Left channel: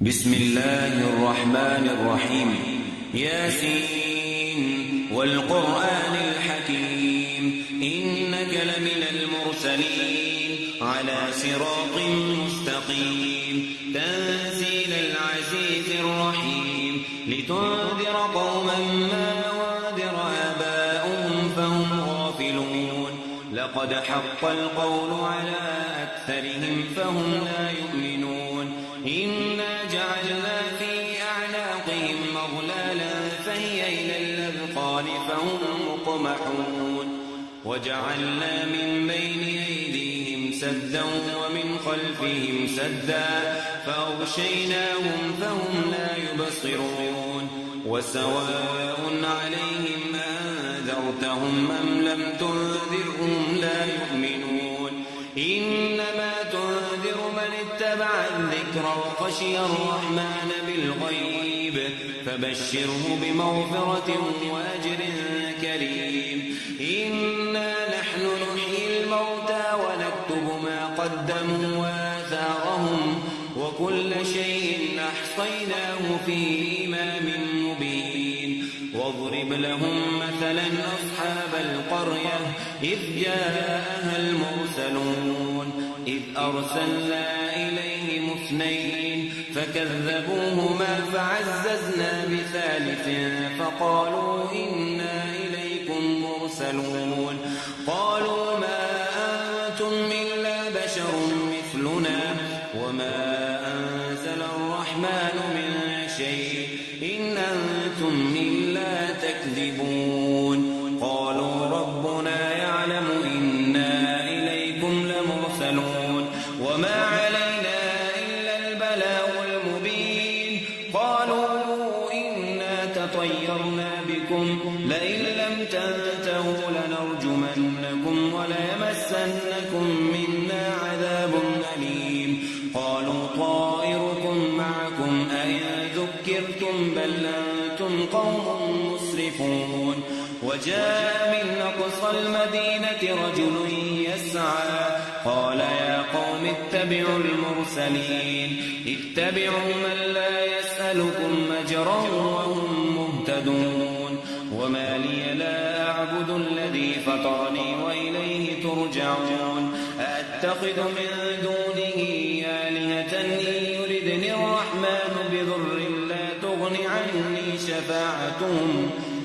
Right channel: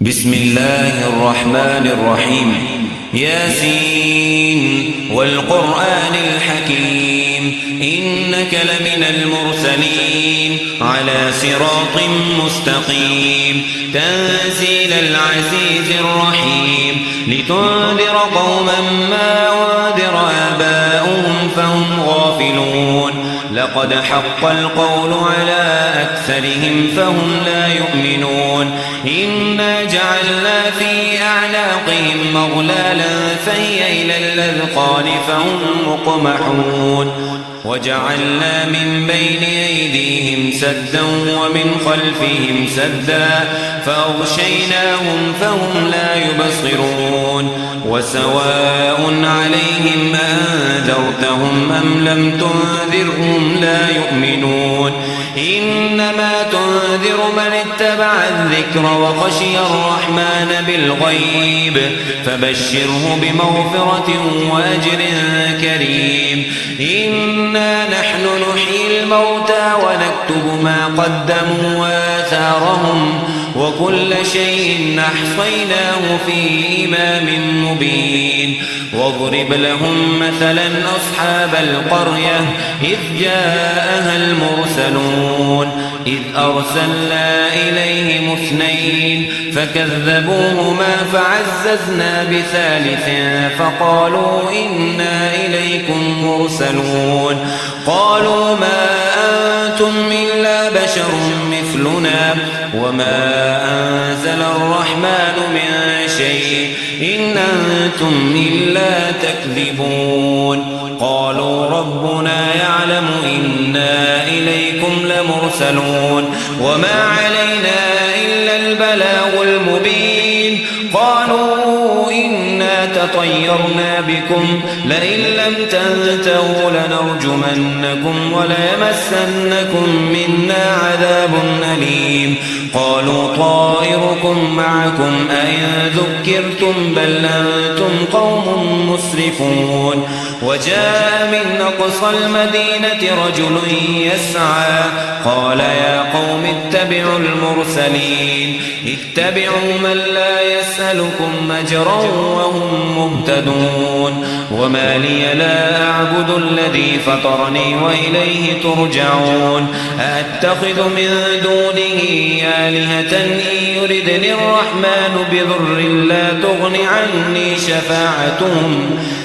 بسم الله الرحمن الرحيم. ياسين والقرآن الحكيم إنك لمن المرسلين على صراط مستقيم تنزيل العزيز الرحيم لتنذر قوما ما أنذر آباؤهم فهم غافلون لقد حق القول على أكثرهم فهم لا يؤمنون إنا جعلنا في أعناقهم مغلالا فهي إلى الأذقان فهم مقمحون وجعلنا من بين أيديهم سدا ومن خلفهم سدا فأغشيناهم فهم لا يبصرون وسواء عليهم أنذرتهم أم لم تنذرهم لا يؤمنون إنما تنذر من اتبع الذكر وخشي الرحمن بالغيب فبشره بمغفرة وأجر كريم إنا نحن نحيي الموتى ونكتب ما قدموا وآثارهم وكل شيء أحصيناه في إمام مبين واضرب لهم مثلا أصحاب القرية إذ جاءها المرسلون إذ أرسلنا إليهم اثنين فكذبوهما فعززنا بثالث فقالوا إنا إليكم مرسلون قالوا ما أنتم إلا بشر مثلنا وما أنزل الرحمن من شيء إن أنتم إلا تكذبون قالوا ربنا يعلم إنا إليكم لمرسلون وما علينا إلا البلاغ المبين قالوا إنا تطيرنا بكم لئن لم تنتهوا لنرجمنكم وليمسنكم منا عذاب أليم قالوا طائركم معكم أئن ذكرتم بل أنتم قوم مسرفون وجاء من أقصى المدينة رجل يسعى قال يا قوم اتبعوا المرسلين اتبعوا من لا يسألكم أجرا وهم مهتدون وما لي لا أعبد الذي فطرني وإليه ترجعون أأتخذ من دونه آلهة إن يردني الرحمن بضر لا تغن عني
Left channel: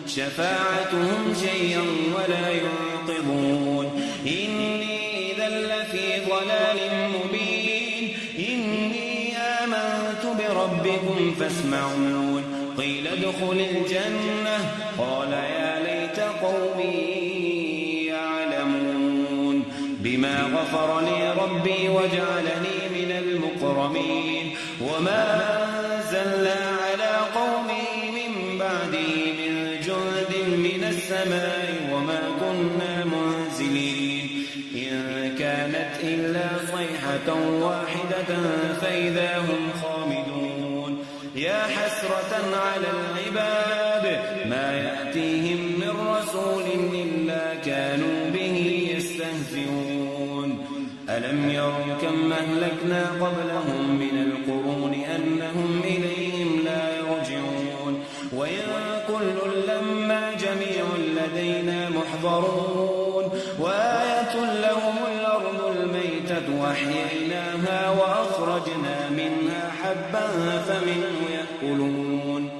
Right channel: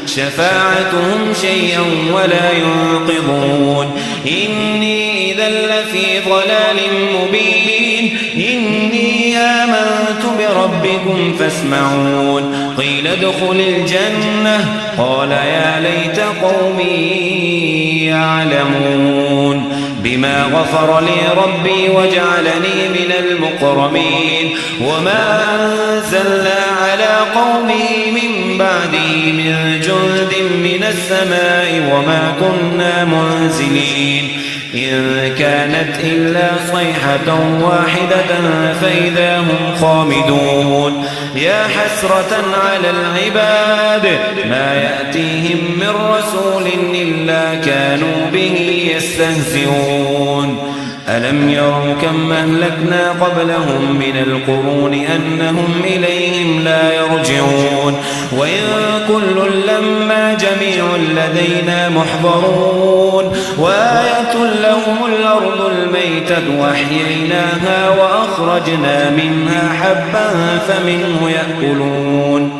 شفاعتهم شيئا ولا ينقذون إني إذا لفي ضلال مبين إني آمنت بربكم فاسمعون قيل ادخل الجنة قال يا ليت قومي يعلمون بما غفر لي ربي وجعلني من المكرمين وما أنزلنا على قومه من بعده من جند من السماء وما كنا منزلين إن كانت إلا صيحة واحدة فإذا هم خامدون يا حسرة على العباد ما يأتيهم من رسول إلا كانوا به يستهزئون ألم يروا كم أهلكنا قبلهم من القرون أنهم إليهم لا يرجعون وإن كل لما جميع لدينا محضرون وآية لهم الأرض الميتة وأحييناها وأخرجنا منها حبا فمنه يأكلون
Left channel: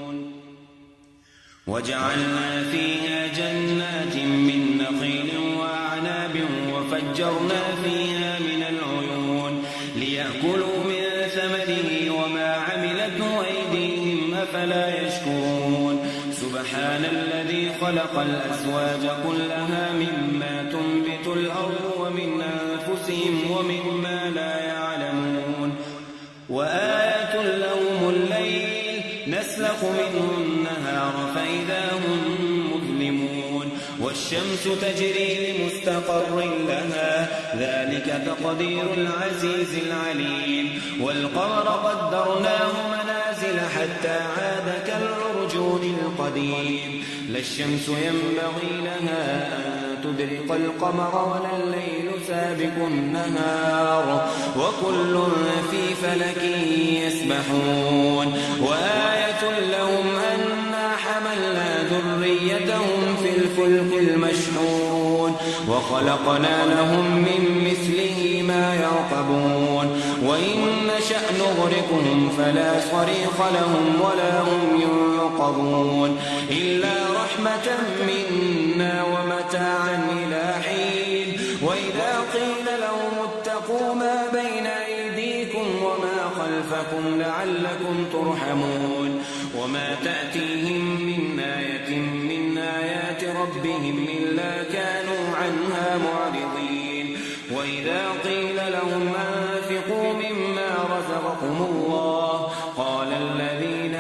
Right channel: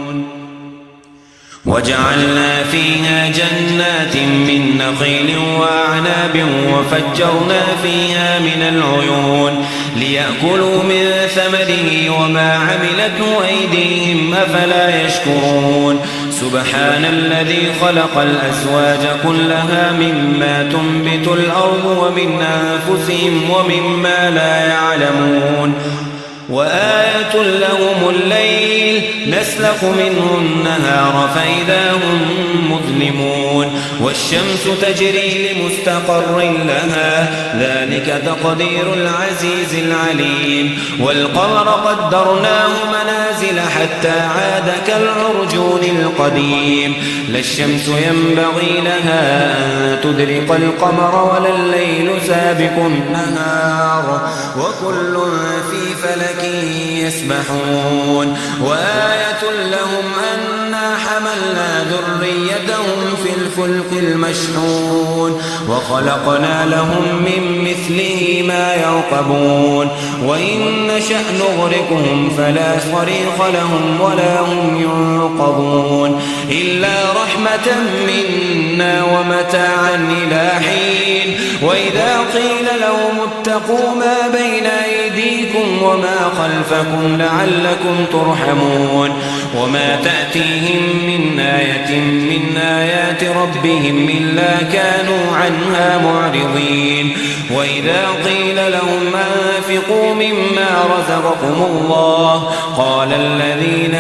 وجعلنا فيها جنات من نخيل وأعناب وفجرنا فيها من العيون ليأكلوا من ثمره وما عملته أيديهم أفلا يشكرون سبحان الذي خلق الأزواج كلها مما تنبت الأرض ومن أنفسهم ومما لا يعلمون وآية لهم الليل نسلخ منه النهار فإذا هم مظلمون والشمس تجري لمستقر لها ذلك تقدير العزيز العليم والقمر قدرناه منازل حتى عاد كالعرجون القديم لا الشمس ينبغي لها أن تدرك القمر ولا الليل سابق النهار وكل في فلك يسبحون وآية لهم أنا حملنا ذريتهم في الفلك المشحون وخلقنا لهم من مثله ما يركبون وإن نشأ نغرقهم فلا صريخ لهم ولا هم ينقذون إلا رحمة منا ومتاعا إلى حين وإذا قيل لهم اتقوا ما بين أيديكم وما خلفكم لعلكم ترحمون وما تأتيهم من آية من آيات ربهم إلا كانوا عنها معرضين وإذا قيل لهم أنفقوا مما رزقكم الله قال الذين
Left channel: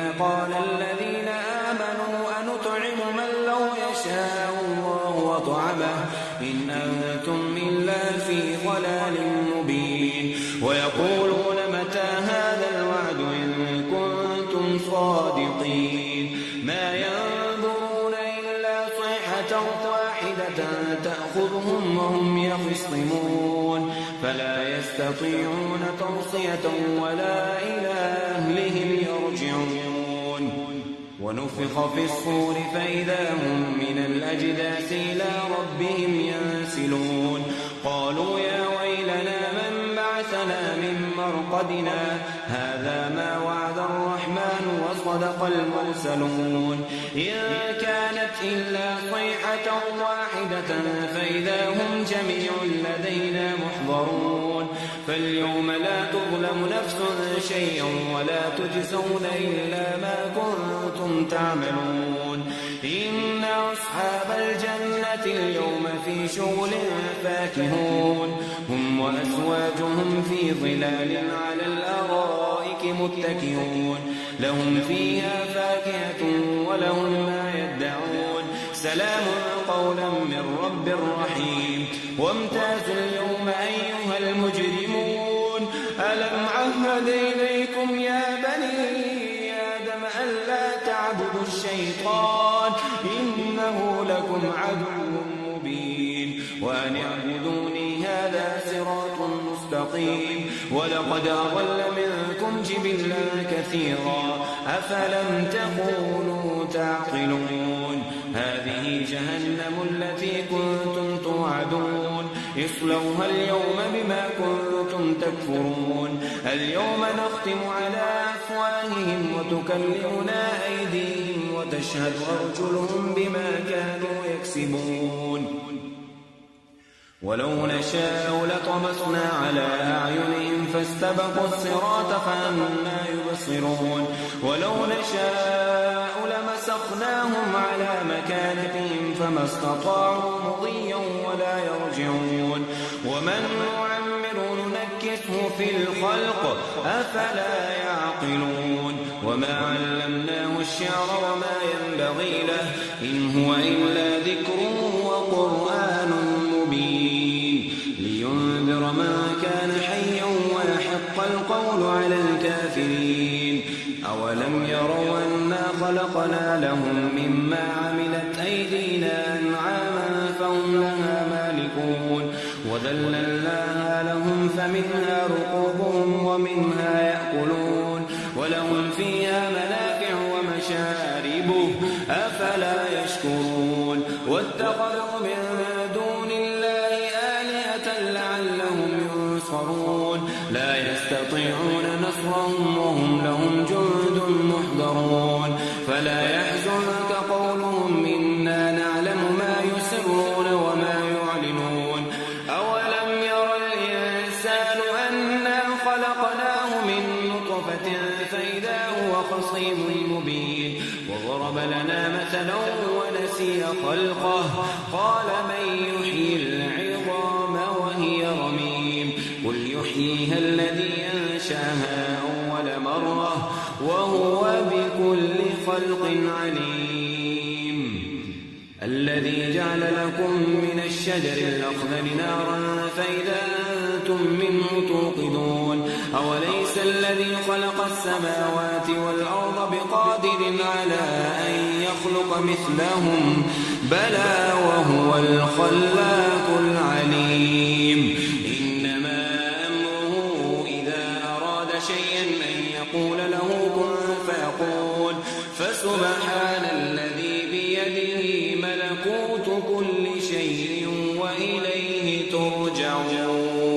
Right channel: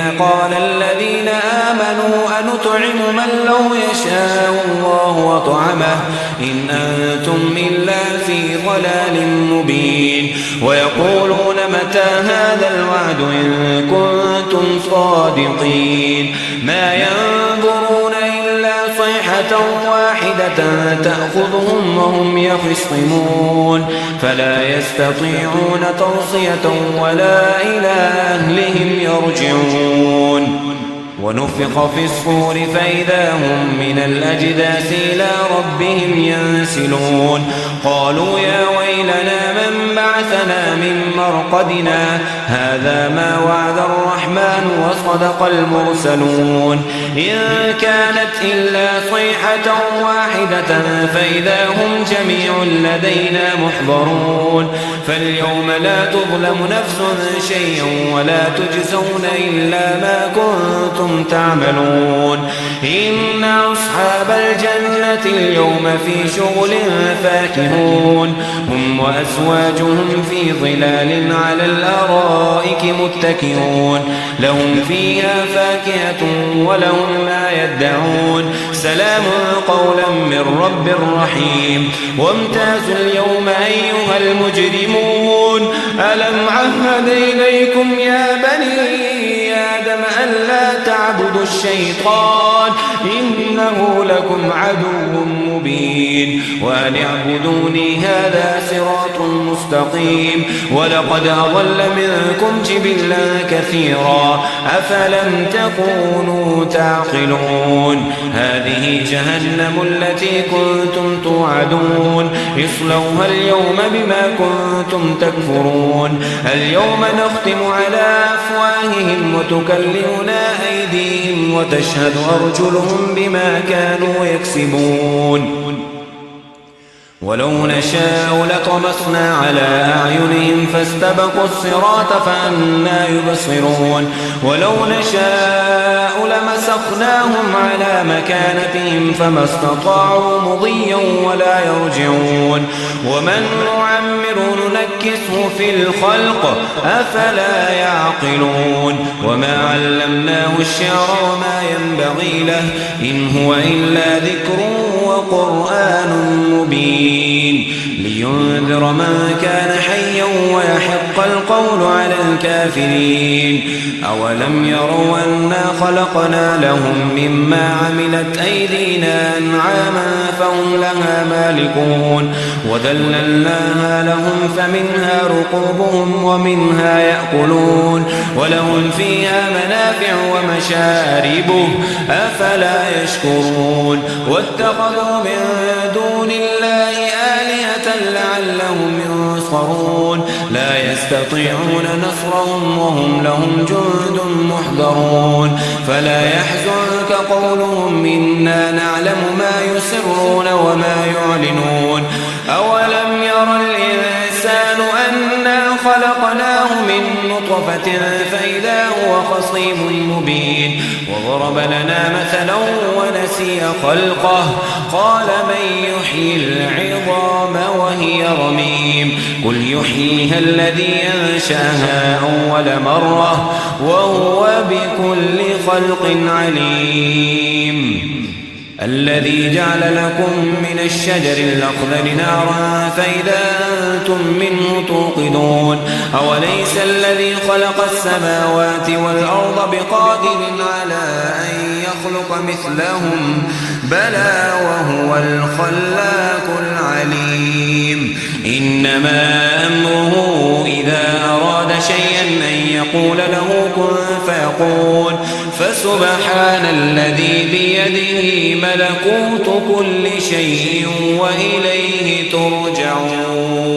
آمنوا أنطعم من لو يشاء الله وطعمه إن أنتم إلا في ضلال مبين ويقولون متى هذا الوعد إن كنتم صادقين ما ينظرون إلا صيحة واحدة تأخذهم وهم يخصمون فلا يستطيعون توصية ولا إلى أهلهم يرجعون ونفخ في الصور فإذا هم من الأجداث إلى ربهم ينسلون قالوا يا ويلنا من بعثنا من مرقدنا هذا ما وعد الرحمن وصدق المرسلون إن كانت إلا صيحة واحدة فإذا هم جميع لدينا محضرون فاليوم لا تظلم نفس شيئا ولا تجزون إلا ما كنتم تعملون إن أصحاب الجنة اليوم في شغل فاكهون هم وأزواجهم في ظلال على الأرائك متكئون لهم فيها فاكهة ولهم ما يدعون سلام قولا من رب رحيم وامتازوا اليوم أيها المجرمون ألم عهد إليكم يا بني آدم ألا تعبدوا الشيطان إنه لكم عدو مبين وأن اعبدوني هذا صراط مستقيم ولقد أضل منكم جبلا كثيرا أفلم تكونوا تعقلون هذه جهنم التي كنتم توعدون اصلوها اليوم بما كنتم تكفرون اليوم نختم على أفواههم وتكلمنا أيديهم وتشهد أرجلهم بما كانوا يكسبون ولو نشاء لطمسنا على أعينهم فاستبقوا الصراط فأنى يبصرون ولو نشاء لمسخناهم على مكانتهم فما استطاعوا مضيا ولا يرجعون ومن نعمر ننكسه في الخلق أفلا يعقلون وما علمناه الشعر وما ينبغي له إن هو إلا ذكر وقرآن مبين لينذر من كان حيا ويحق القول على الكافرين أولم يروا أنا خلقنا لهم مما عملت أيدينا أنعاما فهم لها مالكون وذللناها لهم فمنها ركوبهم ومنها يأكلون ولهم فيها منافع ومشارب أفلا يشكرون واتخذوا من دون الله آلهة لعلهم ينصرون لا يستطيعون نصرهم وهم لهم جند محضرون فلا يحزنك قولهم إنا نعلم ما يسرون وما يعلنون أولم ير الإنسان أنا خلقناه من نطفة فإذا هو خصيم مبين وضرب لنا مثلا ونسي خلقه قال من يحيي العظام وهي رميم قل يحييها الذي أنشأها أول مرة وهو بكل خلق عليم الذي جعل لكم من الشجر الأخضر نارا فإذا أنتم منه توقدون أوليس الذي خلق السماوات والأرض بقادر على أن يخلق مثلهم بلى وهو الخلاق العليم إنما أمره إذا أراد شيئا أن يقول له كن فيكون فسبحان الذي بيده ملكوت كل شيء وإليه ترجعون